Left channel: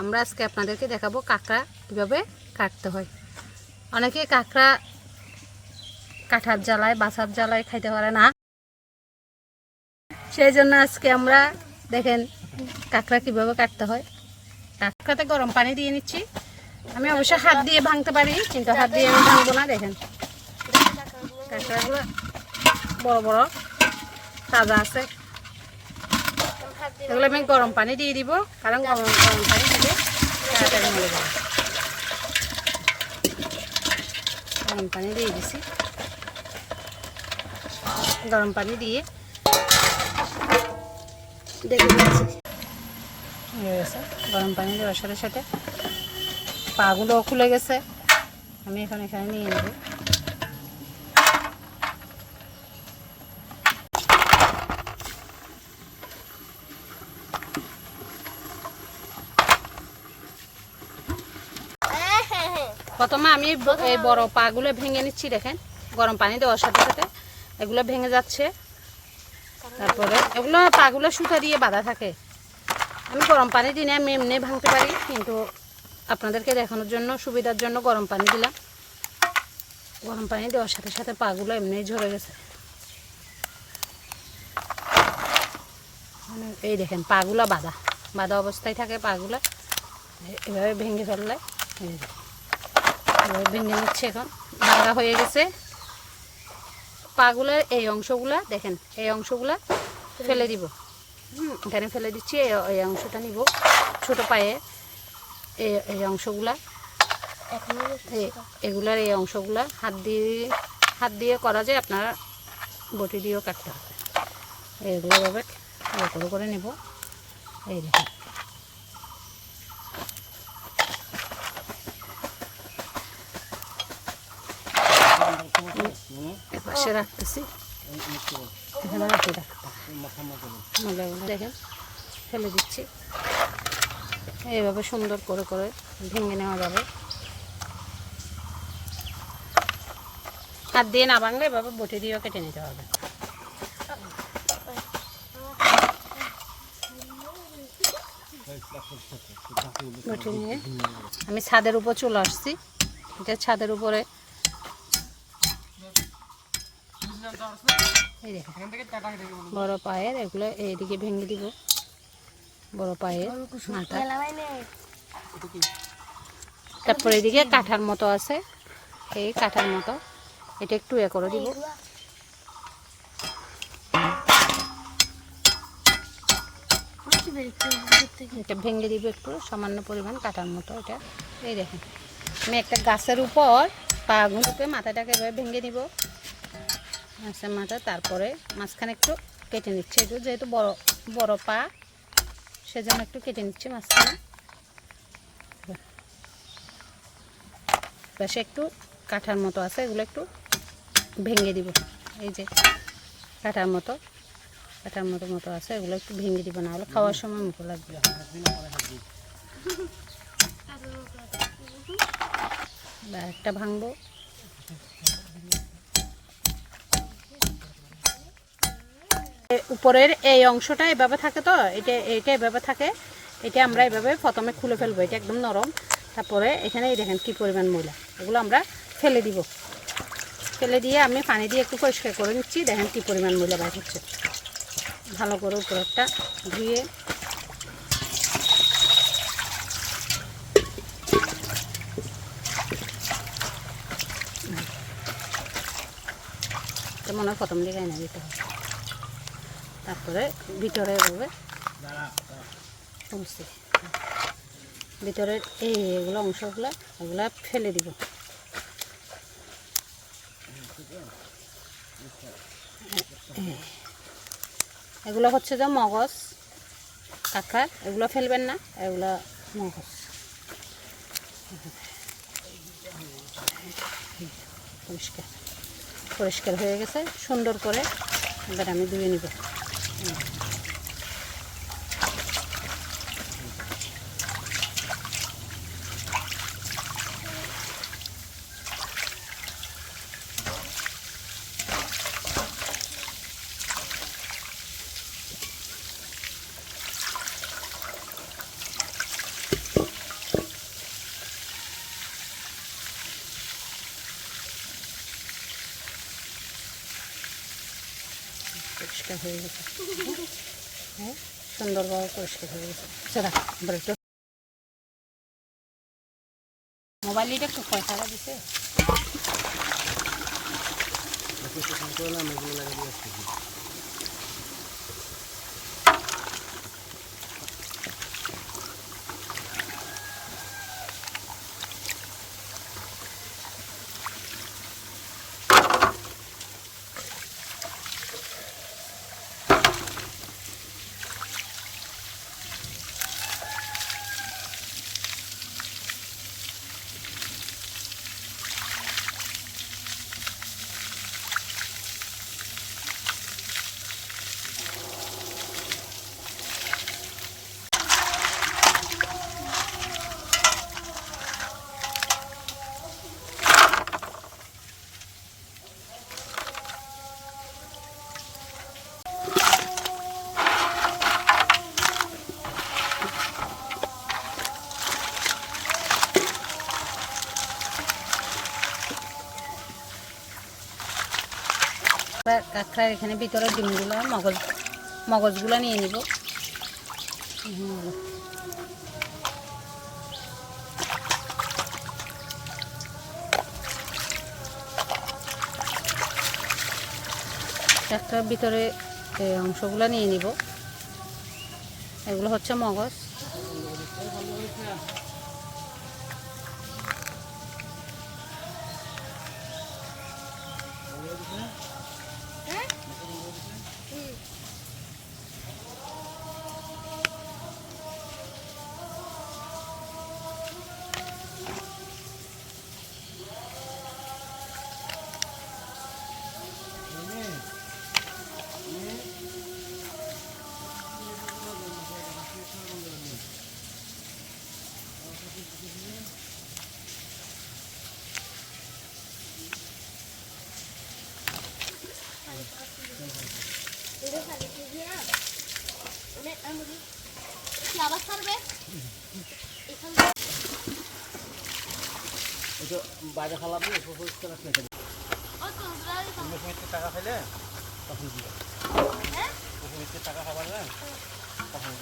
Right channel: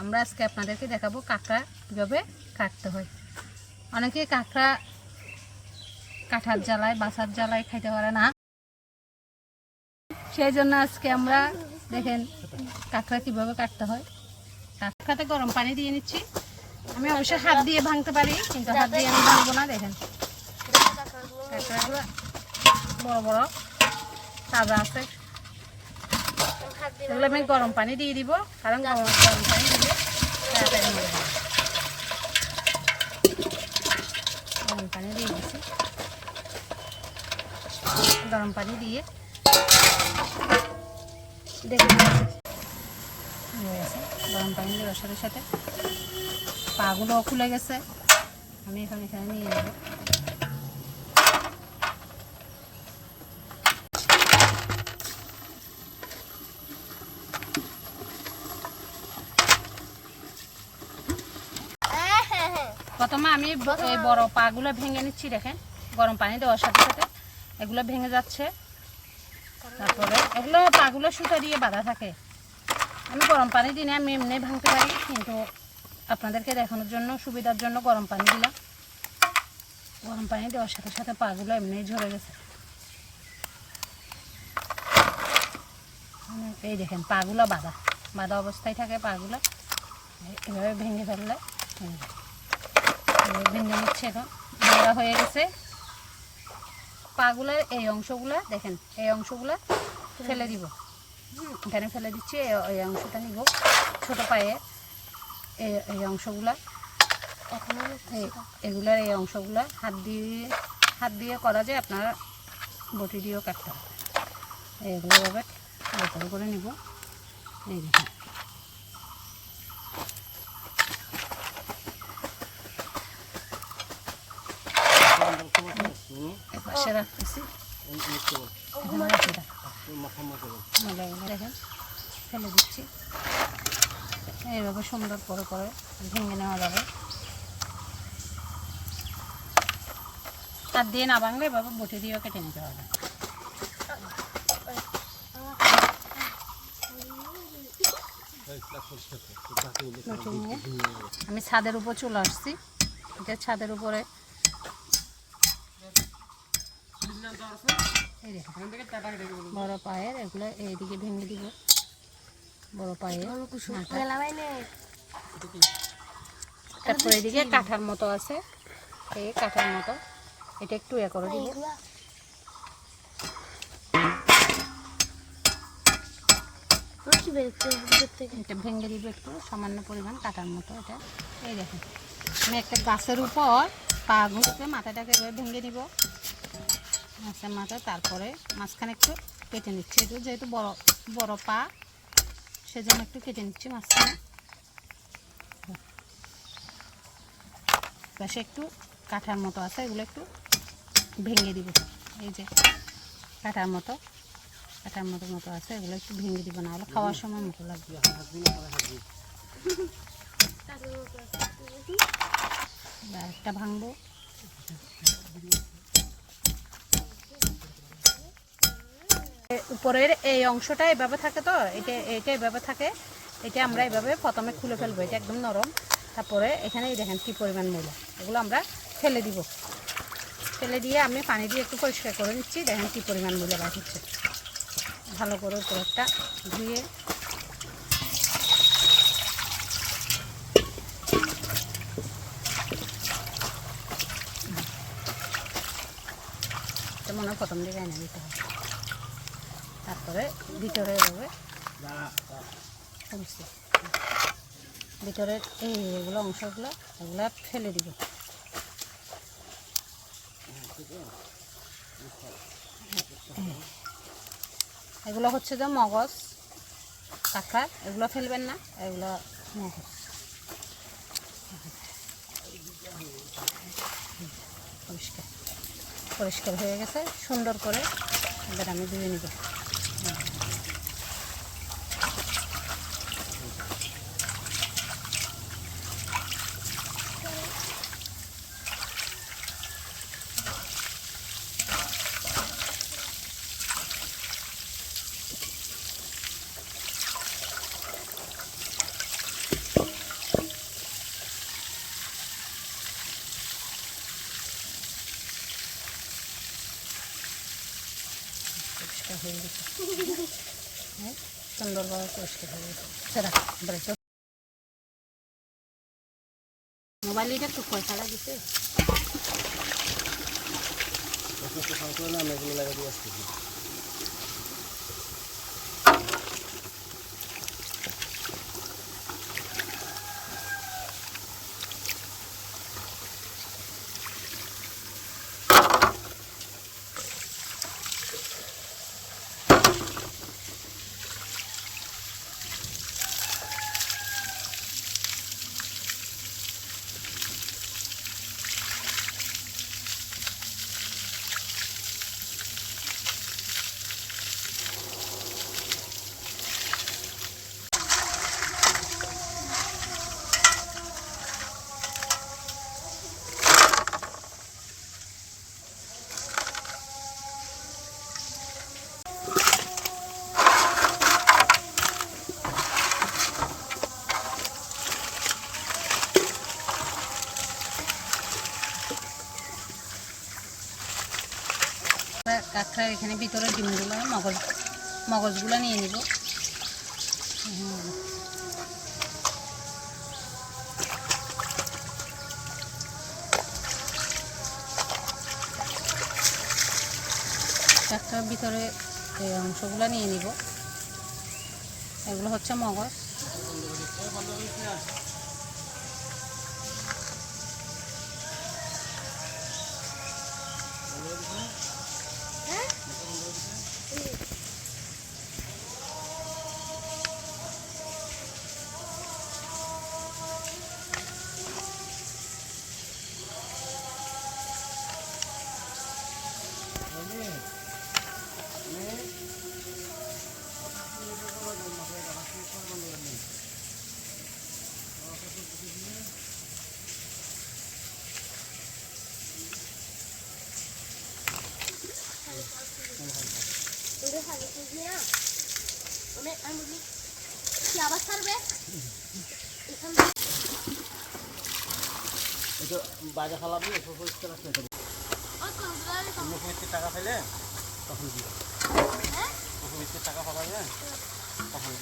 আমরা আজকে আপনাদেরকে দেখাবো কাঁকড়া কীভাবে কাটতে হয়। অনেকে কাঁকড়া কাঁঠার জ্বালায় বাসার জ্বালায় খাইতে পারে না। সেই জন্য আজকে আমরা দেখেন কাঁকড়া কীভাবে কাটতে হয়। কাঁকড়াতে গরম পানি দিয়ে নিচ্ছি। আমি অবশ্য হাত দিয়ে ভাঙতে পারি, কিন্তু হাত দিয়ে আমি ভাঙবো না, দেখেন। কাঁকড়াগুলো বড় বড়, তাজা আছে। এগুলো আমি গরম পানি দিয়ে দিব, কারণ গরম গরম পানি দিলে তাড়াতাড়ি মরে যাবে। গরম পানি দিয়ে দিছি। গরম পানি দিয়ে দেখে হয়ে গেছে। গরম পানি দেওয়ার সাথে পাগুলোও খুলে গেছে। আমি এখন এখানে নিয়ে নেব। প্রথমে আমি এই বড় পাগুলো ভেঙে নিচ্ছি, দেখেন। গরম পানি দেওয়ার সাথে সাথে এগুলো ভেঙে যাচ্ছে। তারপরে এগুলো পাগুলো সুতা দিয়ে বাঁধা থাকে। আমি গরম পানি দিনে আমি এমনি ভাঙতে পারি, কিন্তু আপনাদেরকে দেখানোর জন্য, সুবিধার জন্য গরম পানি দিলাম। গরম পানি দেওয়ার সাথে সাথে পাগুলো এমনি ঝরে গেছে। মানে এই দেখেন, পাগুলো বাঁধা। বাঁধা অবস্থায় থাকে পাগুলো। এভাবে ভেঙে ফেললে ভেঙে নিচ্ছে এখন। ভাঙা হয়ে গেছে। পাগুলোর এই অংশগুলা দেখেন এই অংশগুলা ফেলে দিব। এখানে ফেলে দিচ্ছি এই- এই অংশটা নিব ছোট পায়ে। এই এই অংশগুলা এই- এগুলার এই অংশগুলা হাত দিয়ে হাত দিয়ে করা যায় আপনার বটি দিয়েও কাটতে হবে। করে করে নেব। এই দেখুন। রাখতেছি ফেলে দিচ্ছি এইভাবে সুন্দর করে করে ভেঙে নেওয়া যাবে কাঠ দিয়ে না ভাঙলে এভাবে বটি দিয়েও কেটে নিতে হবে আমি ছাদের উপর চলে আসছি এটা ছাদের উপরে এই দেখেন বড় পায়ের এগুলো এইদিকে ভেঙে দিব। বড় পায়ের। তারপরে এদিকে কাঠার মতো আছে। এই কাঠার মতো। এটা একটু এ করে দিব। এটা ভেঙে দিব একটু সামান্য পরিমাণ কাটার মতো এটা। এই দেখেন আমি একটা গাছের উপর পা ঘুরতে মাথাটাকে ভেঙে দিব। মাছের মাথা তারপরে মাঝখানে একটু কেটে নিচ্ছি। একটু যেহেতু বড় বড় পা সেজন্য একটু কেটে নিচ্ছি মাঝখানে। পাশে একটু কাঠার মতো আছে এগুলো একটু ভেঙে দিব। এই যে কাঠার মতো কাঠার মতো মতো আছে এগুলো একটু ভেঙে দিব না হলে খাওয়ার সময় মতো লাগবে। বা একটা ভাঙবো। উপরের এই অংশটা এভাবে থাকে তো? এটা এটা এভাবে থাকে। এটা আমরা এভাবে প্রথমে খুলে ফেলব। এটা একদম নরম। তারপরে এখানে দেখেন কী পরিমাণ ময়লা। এগুলো আমরা ফেলে দিব। ফেলে দিয়ে আমি পানি দিয়ে একটু পরিষ্কার করে দিচ্ছি দেখেন কী পরিমাণ ময়লা বার হচ্ছে। ভালো করে উপরেরটা ধুয়ে মনে হয় প্রথম দিকে এনে দিতে হবে। তারপরে ভিতরে এভাবে খুলছি ভিতরের এই এগুলো অংশগুলো, এগুলো ফেলে দিব। এগুলো হচ্ছে যে মগজ কাঁকড়ার এগুলো ফেলবেন না, এগুলো মগজ। পরিষ্কার। পরিষ্কার হয়ে গেছে, সুন্দর করে এবার আমি ধুয়ে নিব। পরিষ্কার হয়ে গেছে। হ্যাঁ সুন্দরভাবে পরিষ্কার হয়ে গেছে। সেটা ব্রেকটা মোবাইল এটা কোথায় খেলা দিছে কাঁকড়ার এখানে ভিতরে ডিমগুলো, মগজ, মগজগুলো নিয়ে নিব হুম। ভিতরে অংশগুলো নিয়ে নিব এগুলো হচ্ছে মগজ আবার ছাড়বে এটা বাইরে ফালাবি পরিষ্কার রাখতে হবে টাকা খাইলে? তখন দিবে টাকা খাবার তখন